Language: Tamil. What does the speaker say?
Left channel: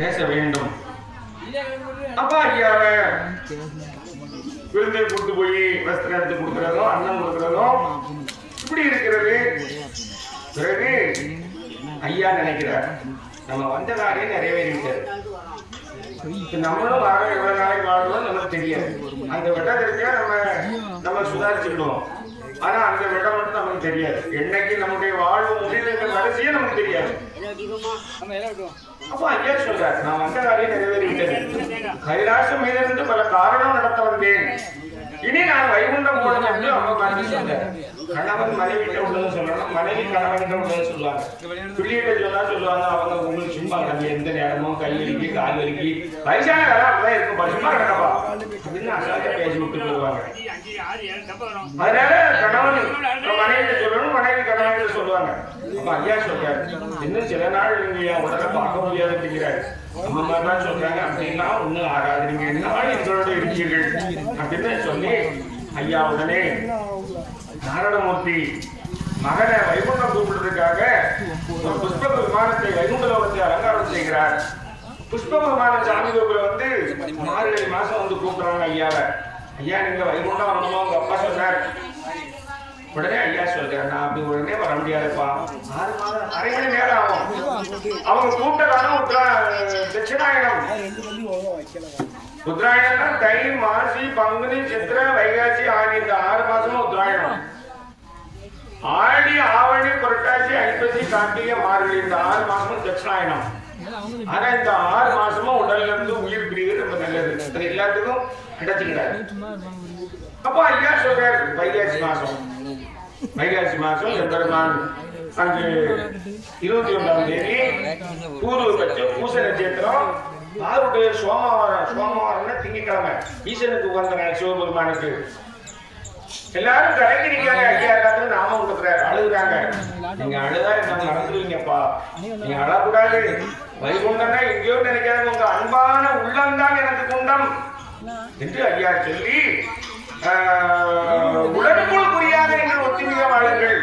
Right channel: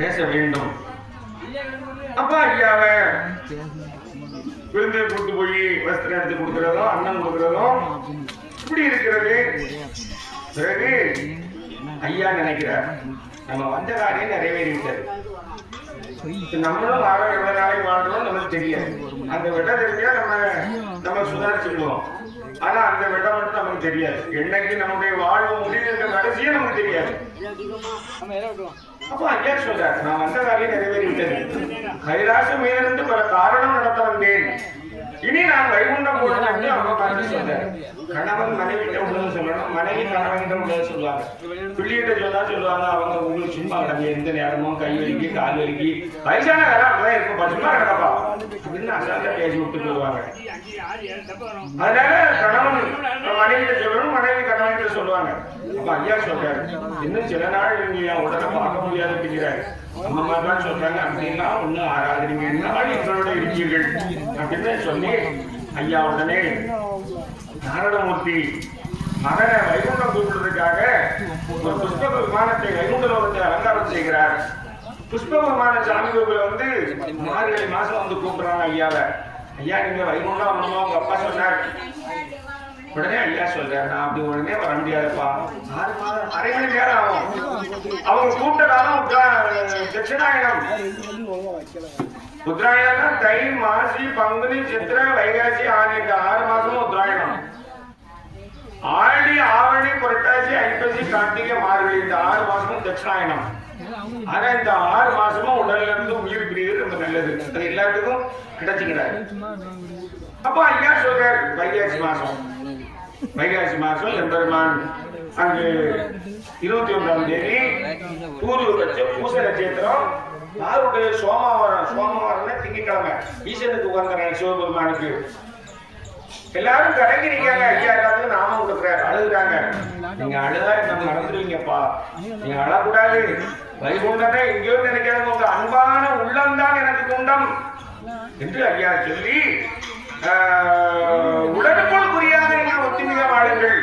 பேச வேண்டும். அப்ப ஐயாவை விருந்தை கூட்டு போய் வஸ்திரம் எடுத்து கொடுக்கிறதும் அன்னம் கொடுக்கிறதும் இப்படி இருக்கிறது. பிறகு ஐயா நினைக்கிறார், நம்ம வந்த காரியம் நிறைவேறிவிட்டது. நம்மளும் வாழ எவ்வளவு நாளைக்கு வாழ்றோம் நமக்கு தெரியாது. அந்த வெட்டம் தெரிஞ்சா நம்ம சுதாரிச்சுடுவோம். ஆனா அந்த வெட்டம் மட்டும் நமக்கு தெரியாது. என்னைக்கு நம்முடைய வாழ்வு முடிவுன்ற கடைசியே நமக்கு தெரியாது. அப்போ ஐயா சொல்றார், நான் வந்த காரியம் நிறைவேறிவிட்டது. கைலாசமிலிருந்து பல காரணம் நடத்த வந்தேன். இனி நான் வைகுண்டம் போடுறது அப்ப பார்த்து சொன்னேன். கணவன் மனைவிட்ட உள்ளது சொல்லணும், மனைவி கணவன்கிட்ட உள்ளது சொல்லுவாங்க. பிள்ளைகிட்ட சொல்லுவாங்க அவங்க உங்களுக்கு சும்மா கிடக்கு, எந்த நேரமும் கை வலிக்கு கால் வலிக்கு வயசான காலம் அப்படிதான் இருக்கும், சும்மா கிடக்கப்பா அப்படின்னு அசால்ட்டா பேசி விட்டு போடுவாங்க. அதனால கணவன் மனைவிட்ட சொல்லணும், மனைவி கணவன்கிட்ட சொல்லுவாங்க. அப்ப ஐயா சொல்றாரு, இன்னும் சில நாள் நீங்க என் உடனே பார்க்க முடியாது அப்படிங்கிறாரு. அந்த மாதிரிலாம் சொல்றாங்க. அப்படின்னா ஒன்னும் ஆகாது, நீங்க என்ன எங்களோட இருக்கீர்கள் அப்படின்னு சொல்லி ஐயா உடனே நாராயணமூர்த்தி மகனை வைகுண்டம் கூப்பிடுறதுக்காக ஒரு புஷ்ப விமானத்தை வைகுண்ட லோகத்தை அலங்காரம் செய்கிறார். புஷ்ப விமான சாமி கோவில வந்து மார்கழி மாசம் வந்து கூப்பிடுறாங்க ஐயாவை. ஐயா நீங்க வைகுண்டம் வரணுமா உங்க அப்பா சொன்னார். உடனே ஐயா சொல்றாரு, நான் அப்படி உடனே வர முடியாதுப்பா, 6 மாதம் அரை மணி நேரம் ஆகும். அவங்க கூப்பிட்ட காலம் தட்சிணாயனம். உத்தராயணம்னா தை மாசி பங்குனி சித்திரை வைகாசி ஆடி, இந்த 6 மாசமும் உத்தராயணம். ஆடி ஆவணி புரட்டாசி ஐப்பசி கார்த்திகை மார்கழி, இந்த 6 மாசமும் தட்சிணாயனம். ஆனா இந்த 6 மாசமும் உடல்ல இருந்து உயிர் பிரிவது ரொம்ப நல்லது, எல்லாத்துக்கும் கிடைச்சுக்கிறாரு. அப்ப ஐயா சொல்றாரு, வைகாசி மாசம் எம்பெருமான் அங்கு 21ஆம் தேதி பூர்வபட்ச பூச நட்சத்திரம், யாருடைய சோமவாரம்னா திங்கட்கிழமை, ஈசனுக்கு உகந்த நாள் சிவபெருமானுக்கு. எல்லாரும் கடைக்கு நிற்காங்க. ஐயா எல்லாத்துக்கும் நாமம் கொடுக்குறாரு, அழுகுறாங்க. நீங்க அழுதா நம்ம நடந்துருவீங்கப்பா, நீங்க அழக்கூடாது. வைகுண்டம்னா எங்கேயோ நினைக்காது, உங்க அன்பான உள்ளம்தான் எனக்கு குண்டம் என்று ஐயா சொல்லி உடனுக்குள் புரியாத என்று ஒத்துமிக வாழுங்கள்.